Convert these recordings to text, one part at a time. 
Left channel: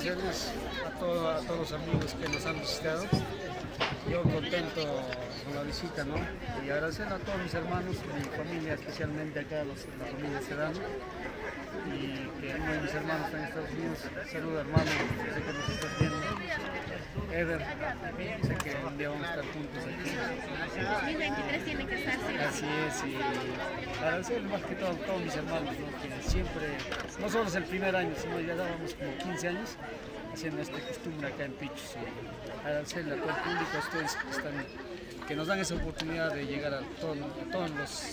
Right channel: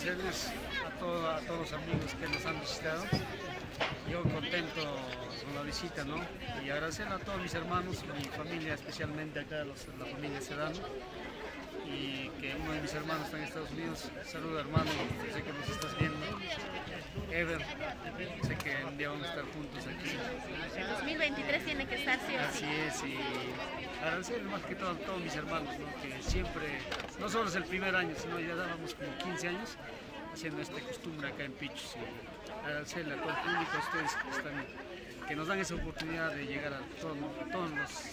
agradecerles a todos los amigos que nos han visitado. Yo contento con la visita, ¿no? Y agradecerle a todos mis hermanos, mi familia, especialmente acá, la familia Sedano. Y que uno de mis hermanos está en Estados Unidos. Saluda, hermano, sé que nos estás viendo. Ever, sé que un día vamos a estar juntos aquí. 2023 tiene que estar siempre. Así es, y agradecerle más que todo a todos mis hermanos, ¿no? Que siempre, no solo es el primer año, sino ya dábamos como 15 años haciendo esta costumbre acá en Pichus. Y agradecerle a todo el público, a ustedes que nos dan esa oportunidad de llegar a todos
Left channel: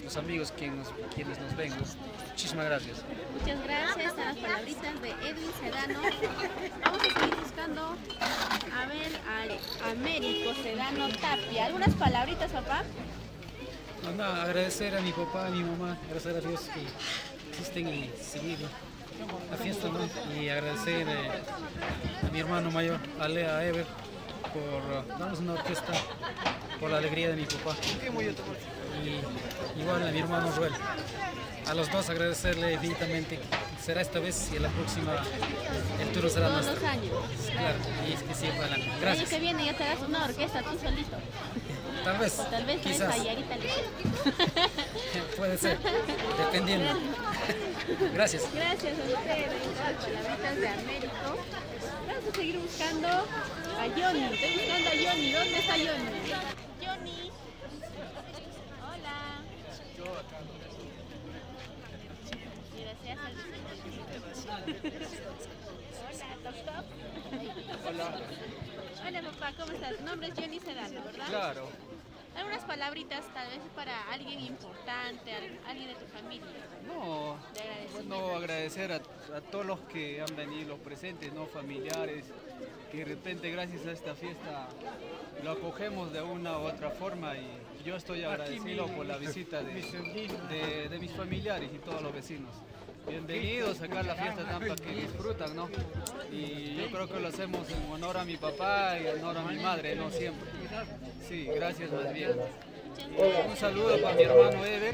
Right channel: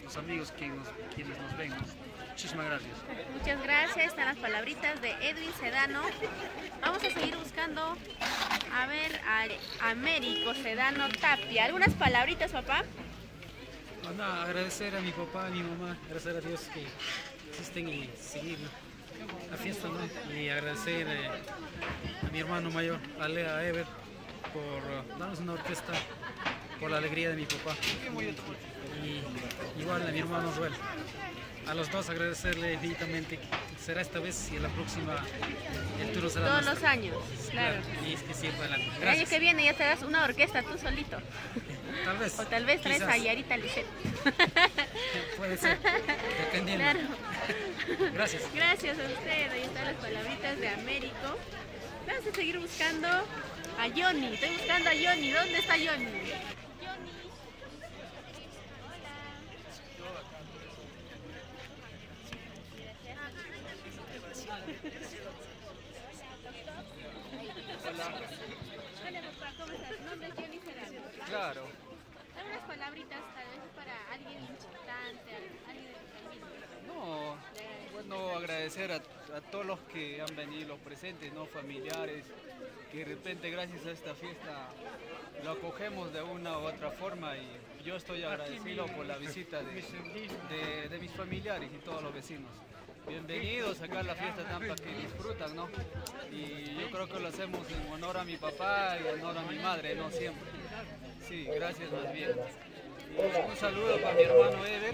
los amigos quienes nos ven, ¿no? Muchísimas gracias. Muchas gracias, están las palabritas de Edwin Sedano. Vamos a seguir buscando a ver a Américo Sedano Tapia. ¿Algunas palabritas, papá? No, agradecer a mi papá, a mi mamá, agradecer a Dios que existen y seguir la fiesta, ¿no? Y agradecer a mi hermano mayor, a Ever, por darnos una orquesta, por la alegría de mi papá. Y igual a mi hermano Ruel. A los dos agradecerle infinitamente. Será esta vez y en la próxima el turno será nuestro. Todos los años. Claro, y es que siempre adelante. El Gracias. año que viene ya te das una orquesta tú solito. Tal vez. O tal vez traes quizás. a Yarita Lisset. Puede ser, dependiendo. Gracias. Gracias a ustedes. Ahí están las palabritas de Américo. Vamos a seguir buscando a Johnny. Estoy buscando a Johnny. ¿Dónde está Johnny? Johnny. Hola. Hola papá, ¿cómo estás? Tu nombre es Johnny Sedano, ¿verdad? Claro. Algunas palabritas tal vez para alguien importante, alguien de tu familia. No, bueno, agradecer a todos los que han venido, los presentes, ¿no? Familiares, que de repente gracias a esta fiesta lo acogemos de una u otra forma y yo estoy agradecido por la visita de mis familiares y todos los vecinos. Bienvenidos acá a la fiesta Tampa, que disfrutan, ¿no? Y yo creo que lo hacemos en honor a mi papá y en honor a mi madre, ¿no? Siempre. Sí, gracias más bien. Y un saludo para mi hermano Ever,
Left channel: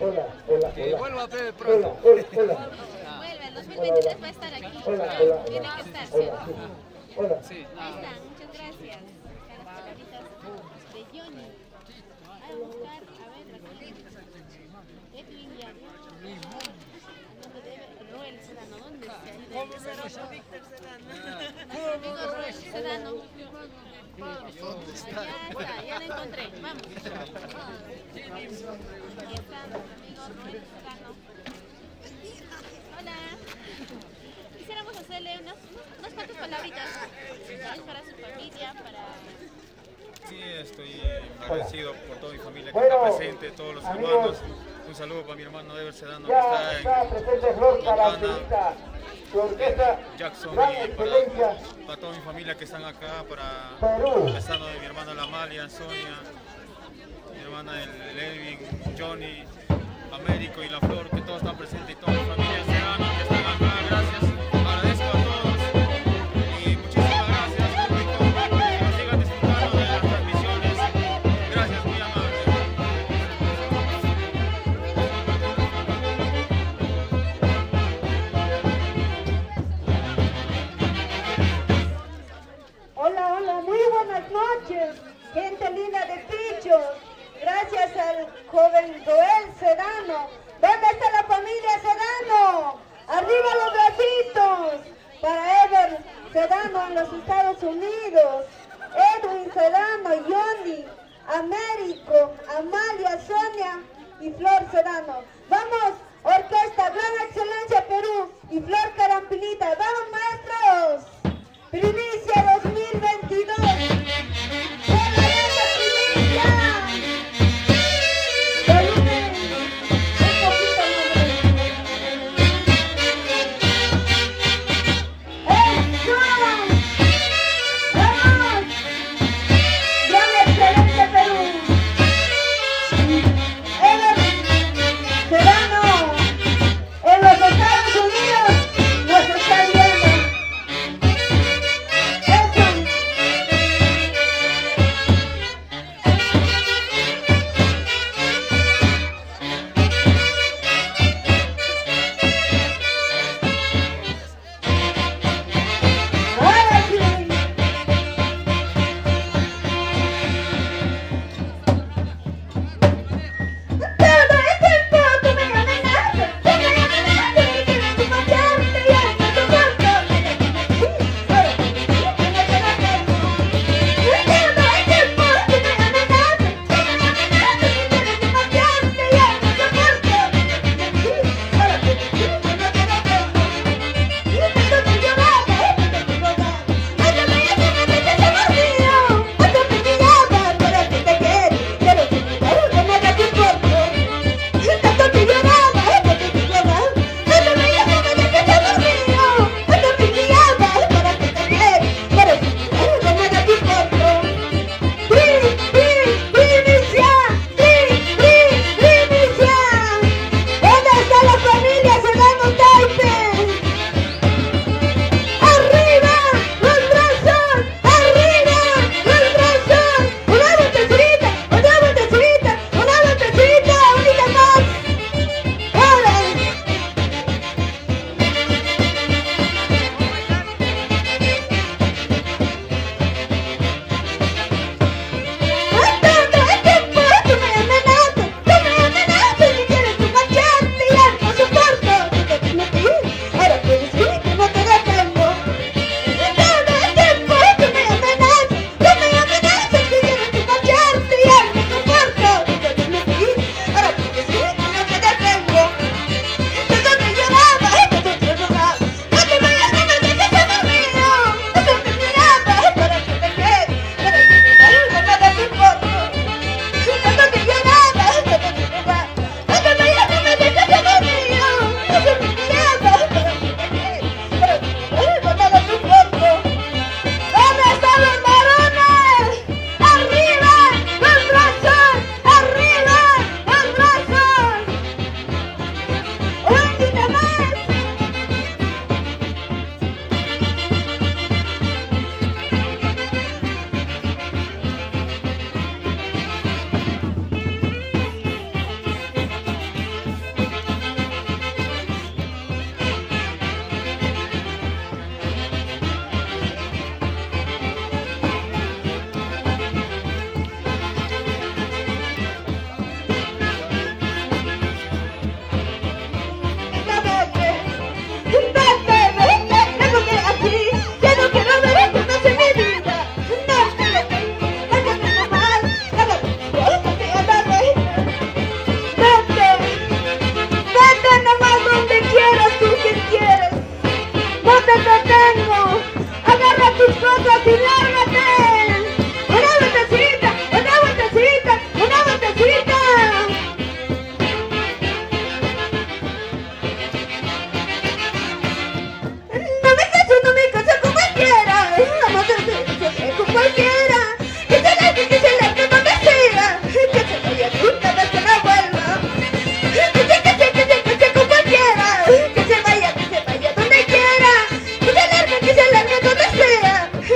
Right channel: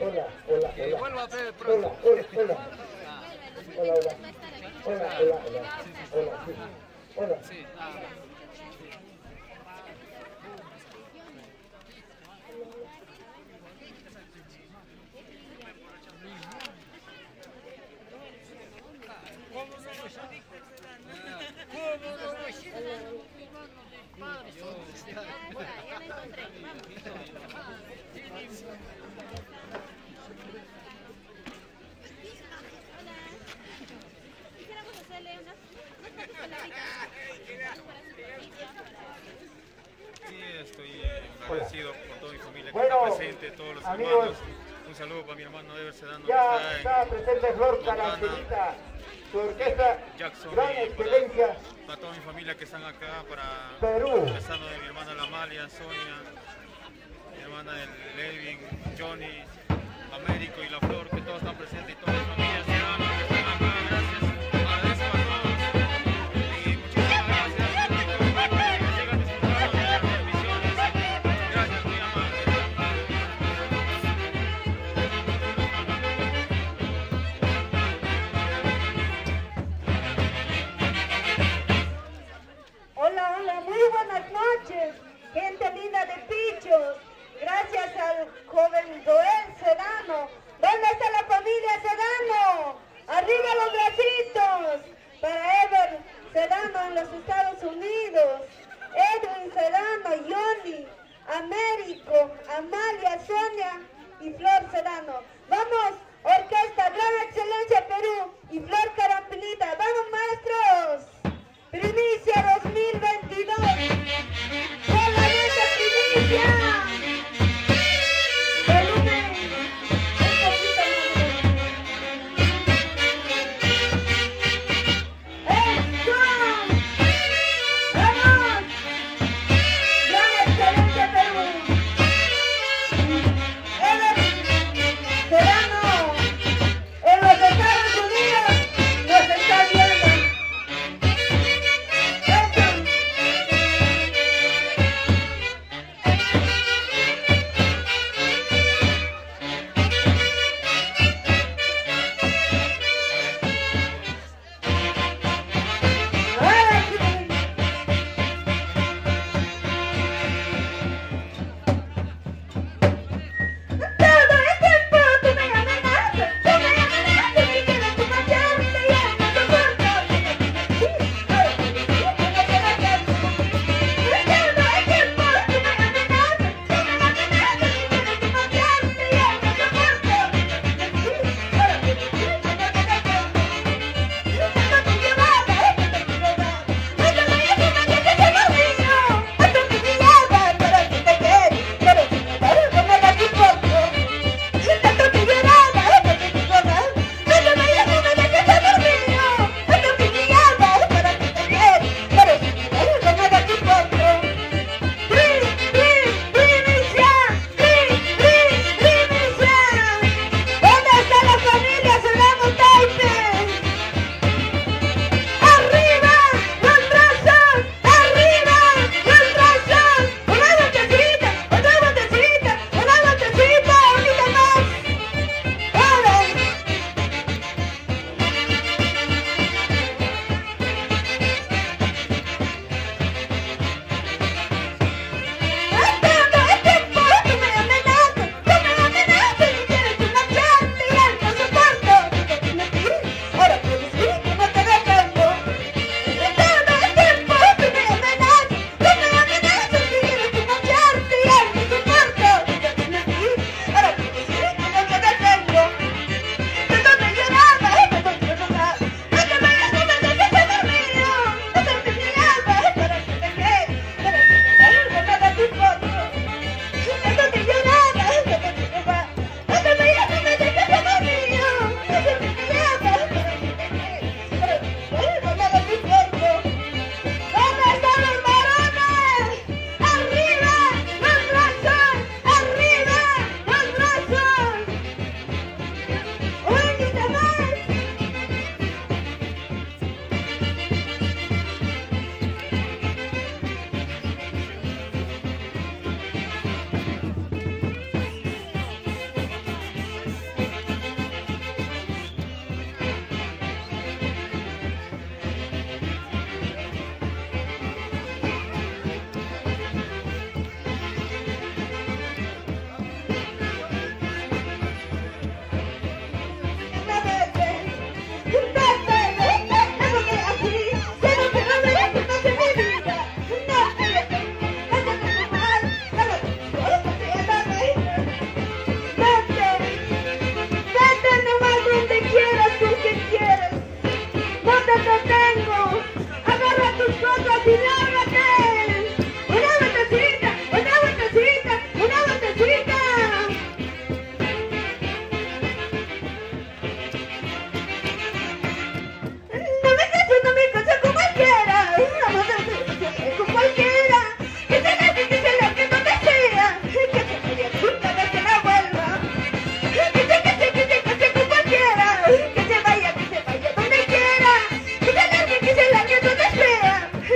que vuelva a ver pronto. Vuelve, el 2023 va a estar aquí. Claro. Tiene que estar, ¿cierto? Sí, nada más. Muchas gracias. Las palabritas de Johnny. A buscar, a ver, Edwin Ruel Sedano, ¿dónde está? Ya lo encontré, vamos. Hola. Quisiéramos hacerle unas cuantas palabritas para su familia, para... Sí, estoy agradecido por toda mi familia que está presente, todos los hermanos. Un saludo para mi hermano Ever Sedano que está en Montana, Jackson, y para toda mi familia que están acá, para el estado de mi hermana La Amalia, Sonia, mi hermana el Elvin, Johnny, Américo y La Flor, que todos están presentes y toda mi familia Sedano que están acá. Gracias, agradezco a todos y muchísimas gracias, público, que nos sigan disfrutando de las transmisiones. Gracias, muy amable. Hola, hola, muy buenas noches, gente linda de Pichos. Gracias al joven Joel Sedano. ¿Dónde está la familia Sedano?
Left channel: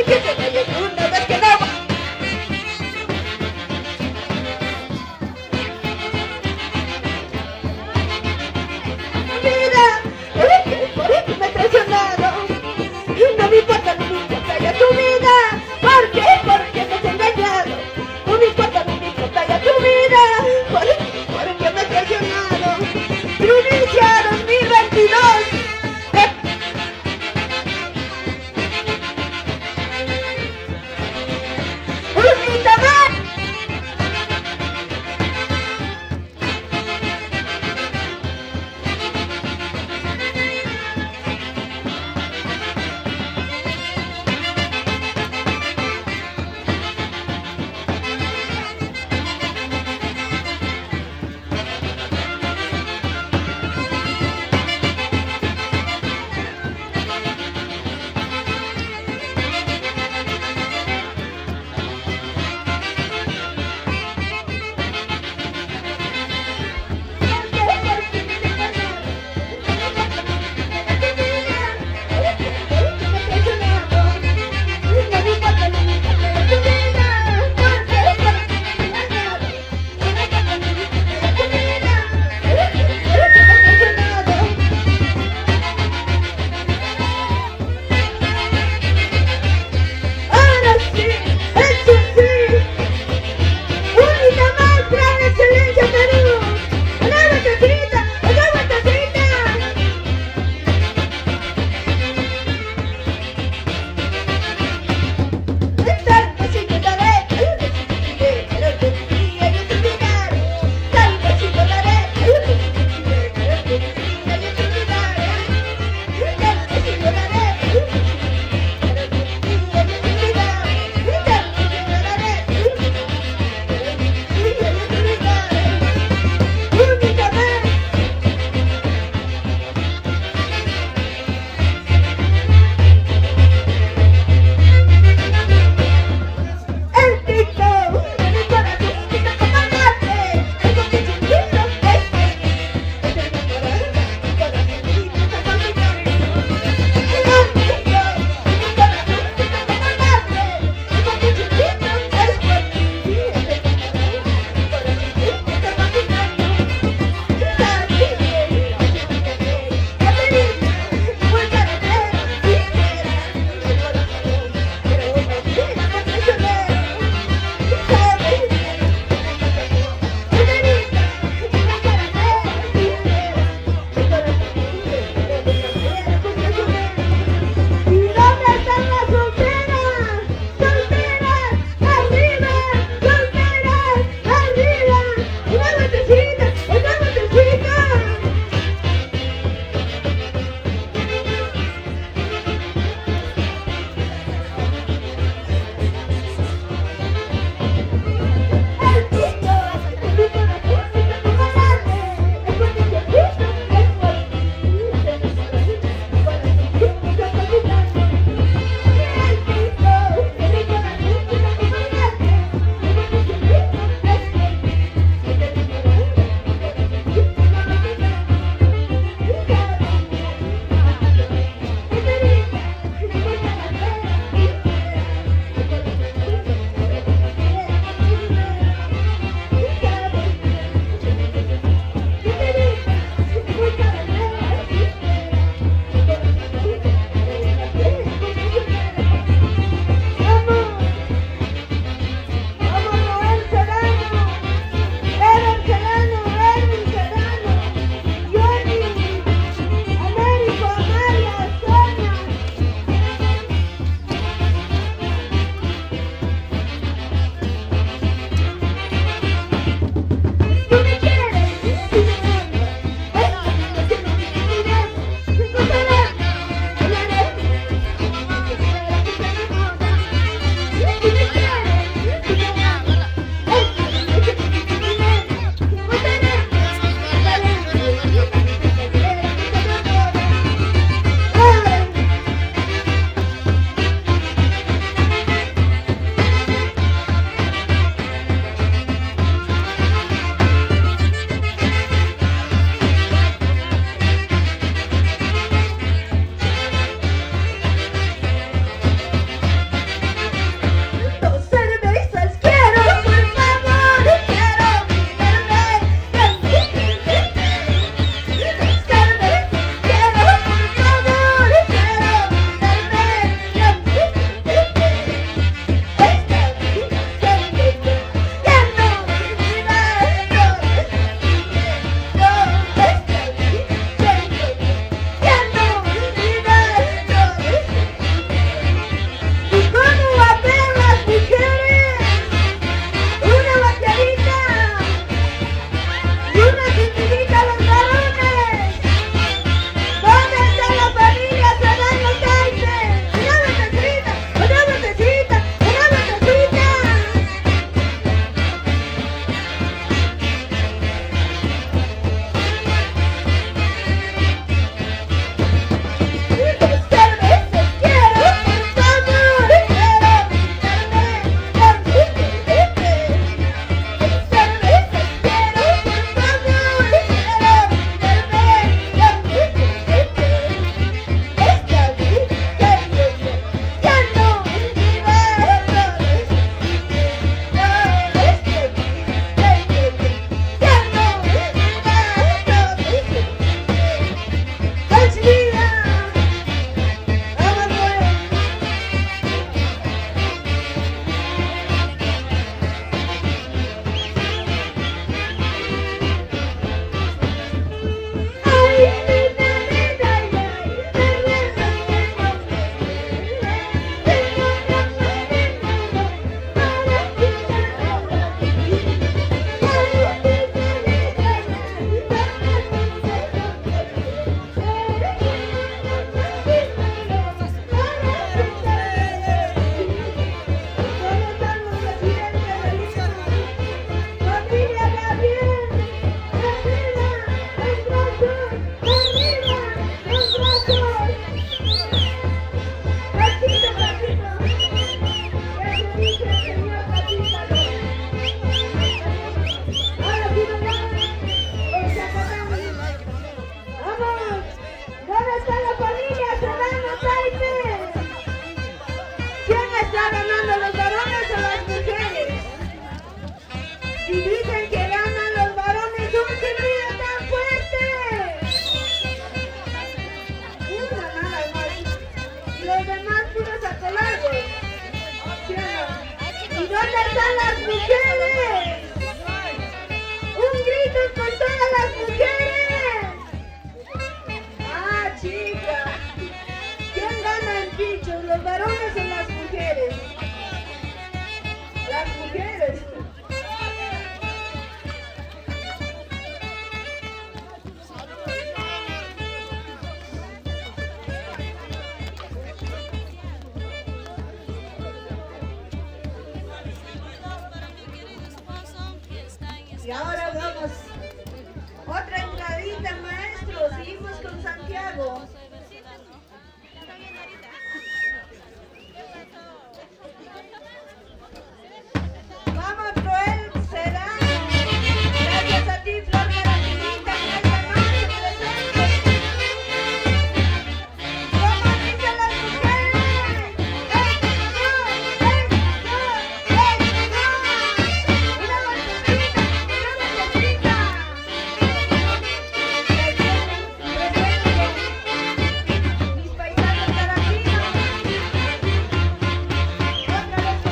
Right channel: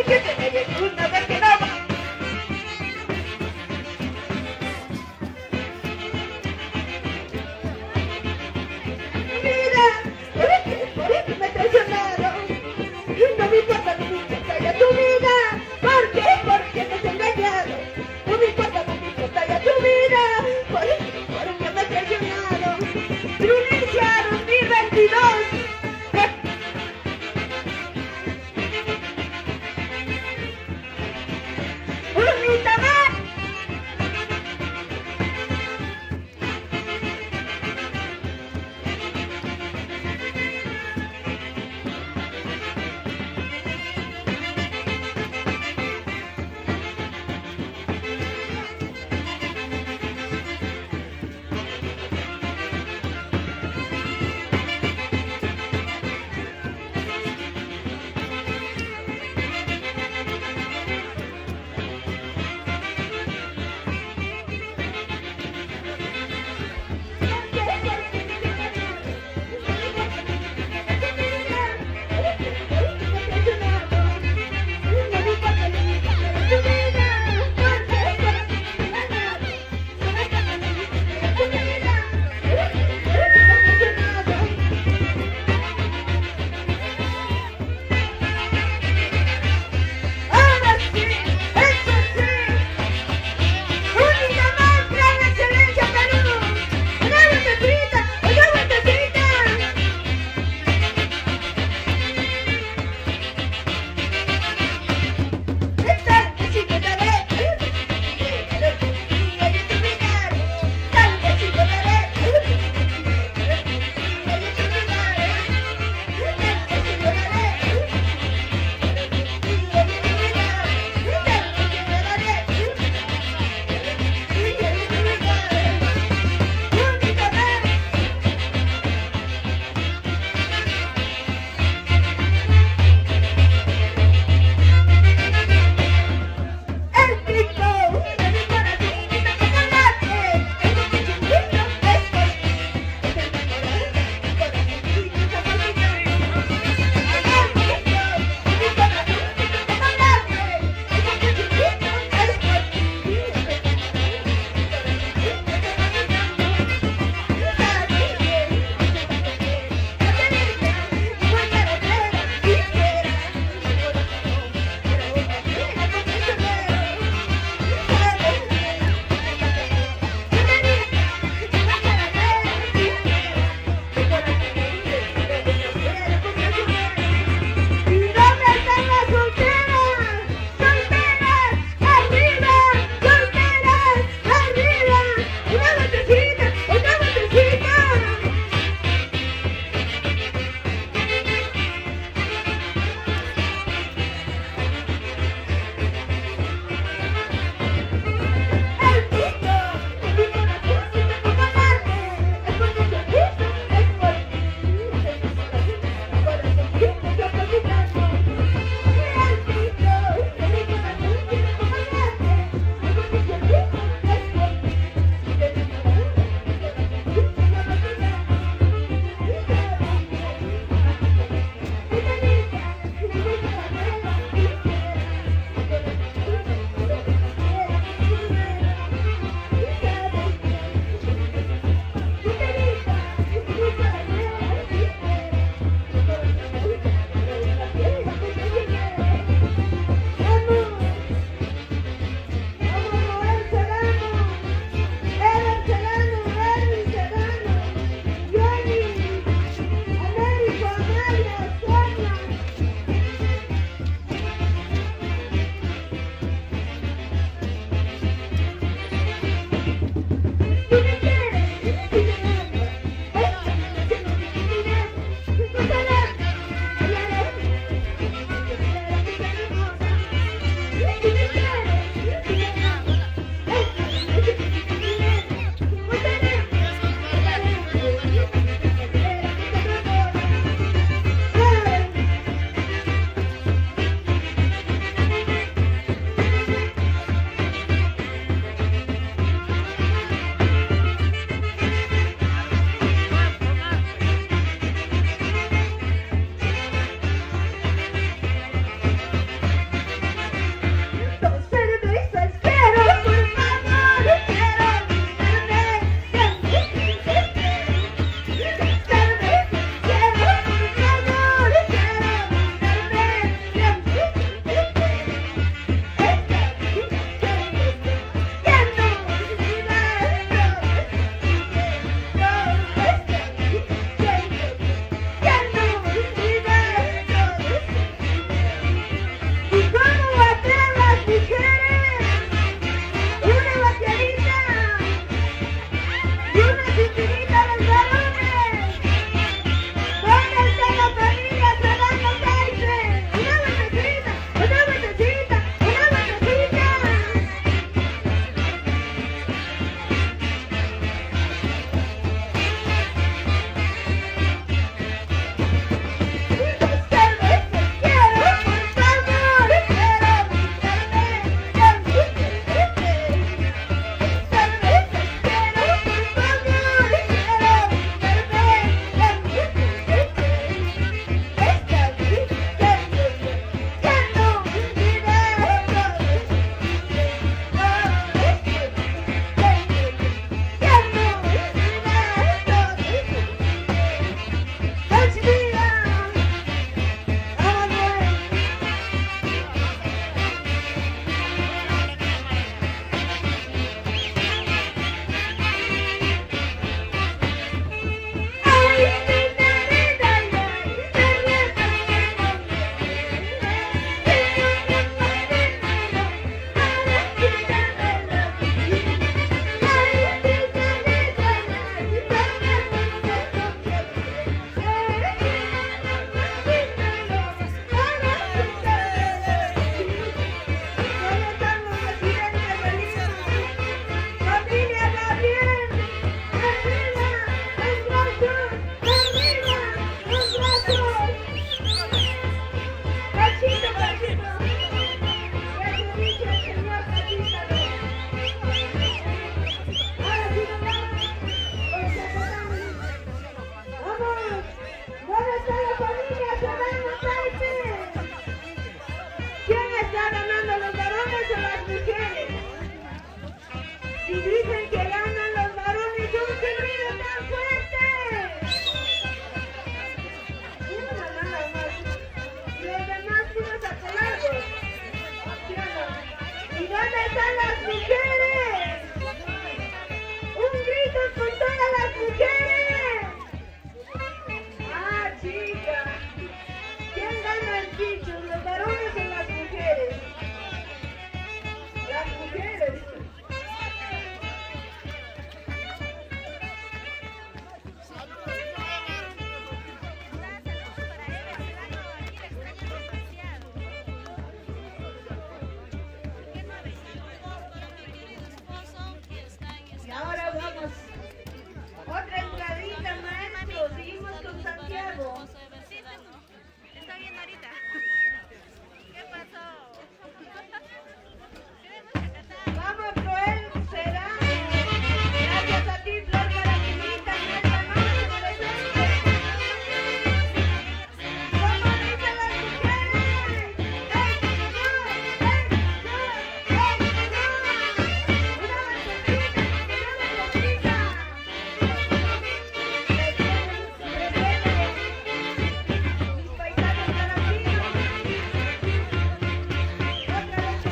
Que se vaya mujeres. Un grito con todas las mujeres. Ah, chica. ¿Quién gana el bicho? ¿Los varones o las mujeres? Las mujeres. Y ahora vamos. Otra entradita, maestro. Seguimos con Santiago. Vamos, Joel Sedano. Gracias a ti, Flor Caramelita, en esta noche presente. ¿Cómo dicen las mujeres? ¡Hey, yo! ¡Hey, yo! ¡Hey, yo! Una balsecita, una balsecita. Mis paisanos carabineros. Otra vez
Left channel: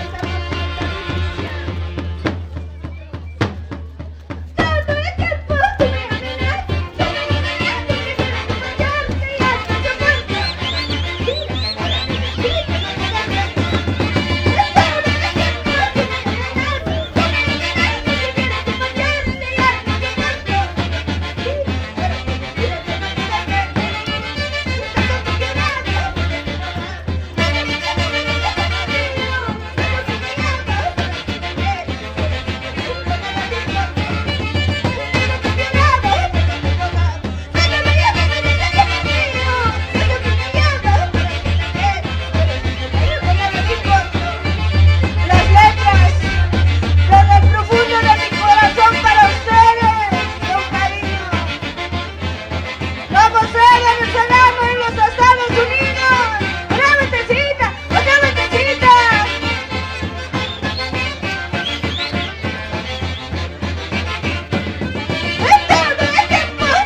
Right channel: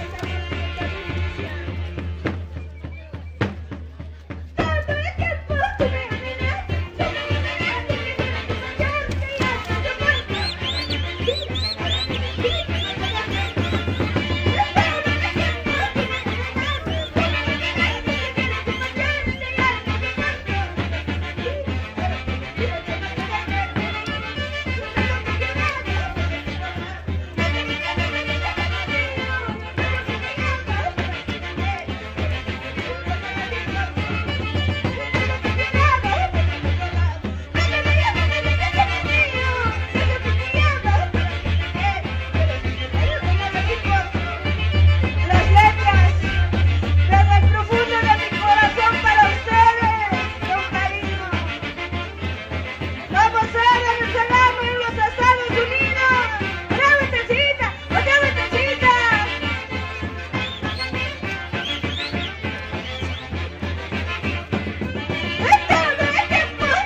las letras, desde el profundo de mi corazón para ustedes, con cariño. Como ser venezolano en los Estados Unidos. Una vueltecita, otra vueltecita.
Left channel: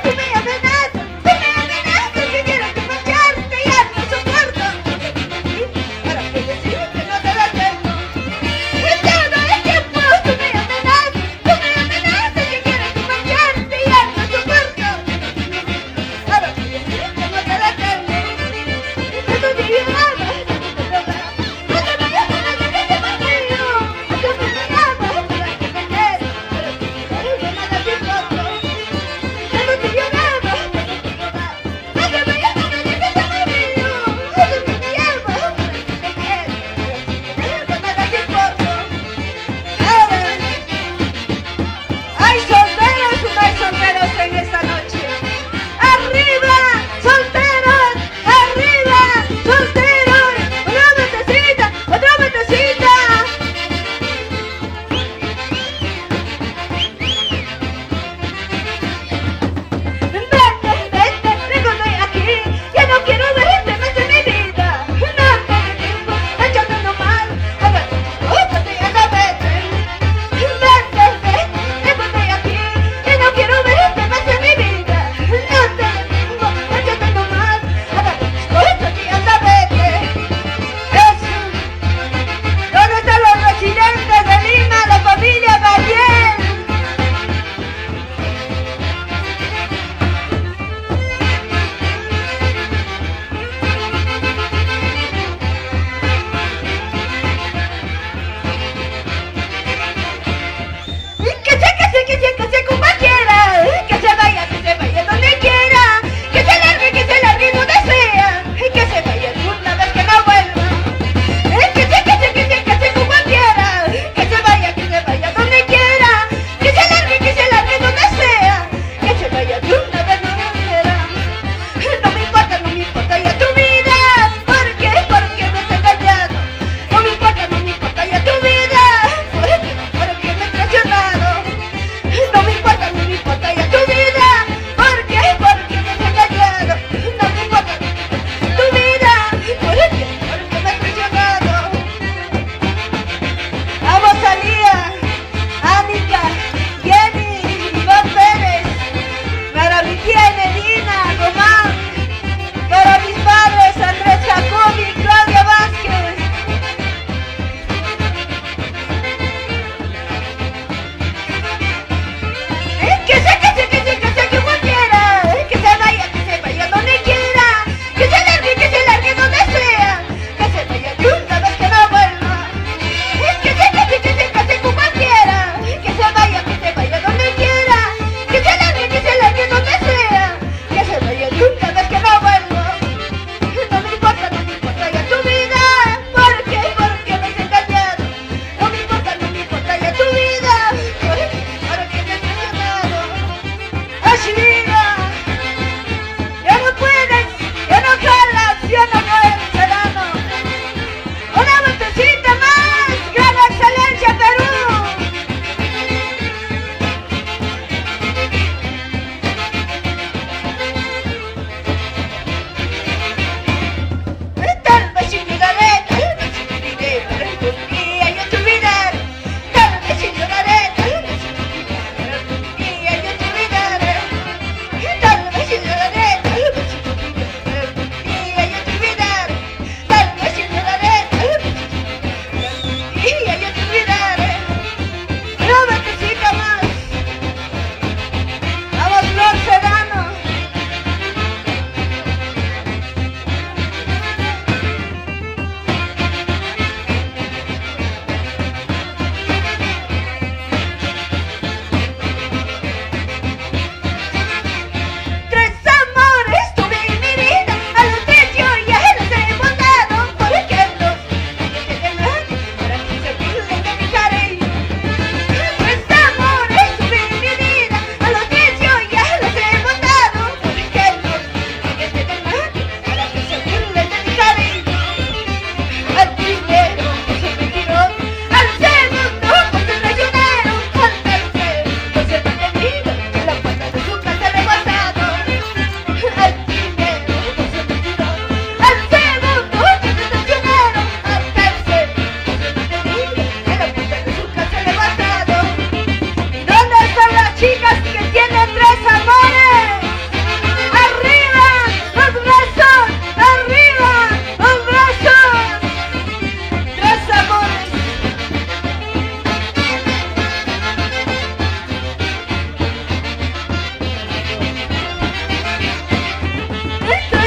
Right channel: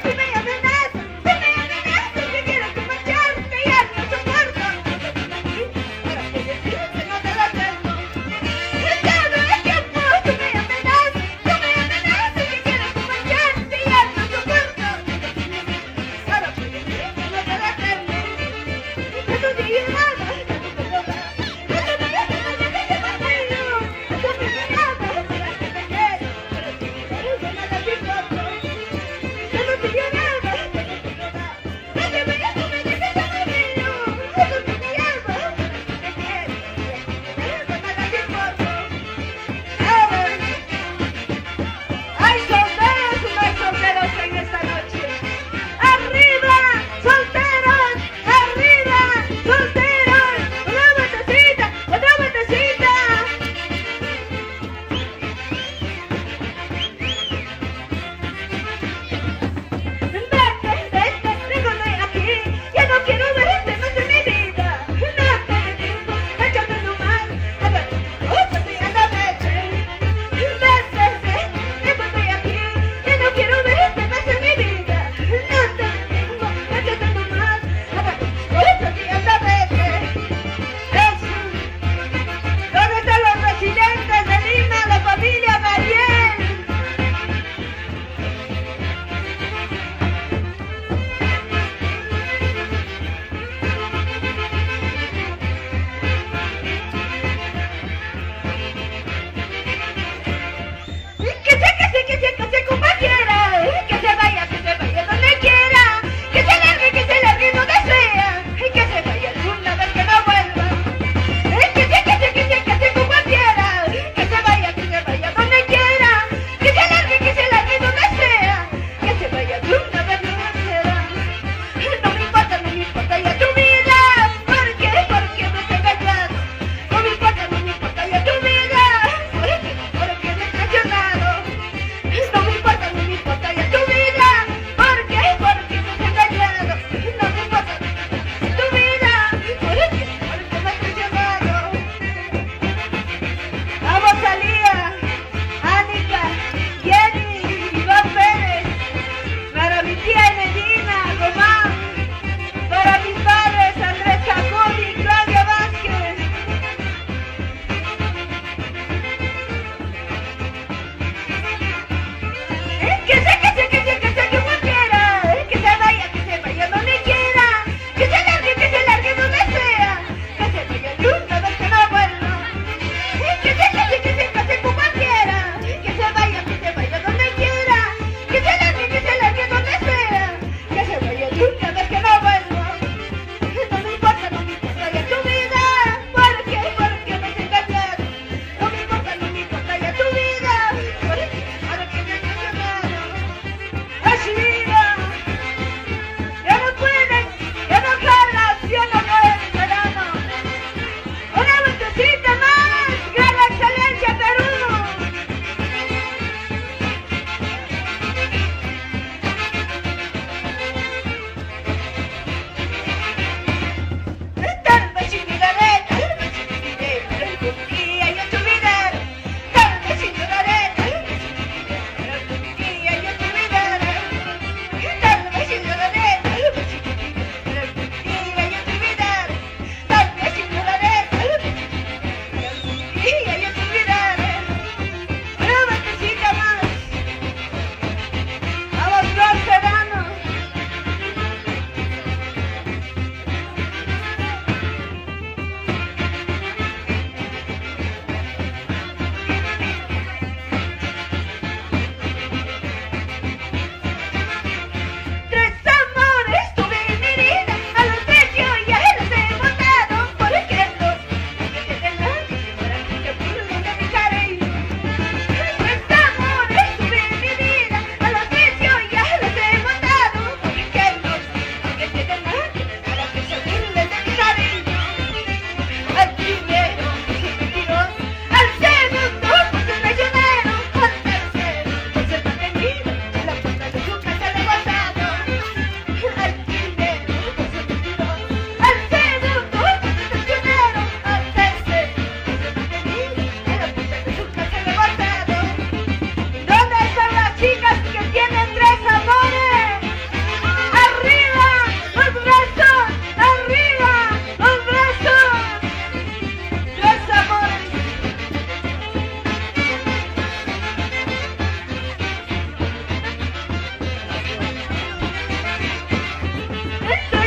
Tú me amenazas que quieres que marcharte y ya no soporto. Para que decidas que no te da tiempo. Todo el tiempo tú me amenazas que quieres que marcharte y ya no soporto. Para que decidas que no te da tiempo. Que tú te llevas, no te vayas a la que te paseo. Tú me llamas, que me quedes, pero que no te importa. Que no te llevas, no te vayas a la que te paseo. Tú me llamas, que me quedes, pero que no te importa. Hay solteros y no hay solteros en esta noche. ¡Arriba, solteros! ¡Arriba, solteros! Es que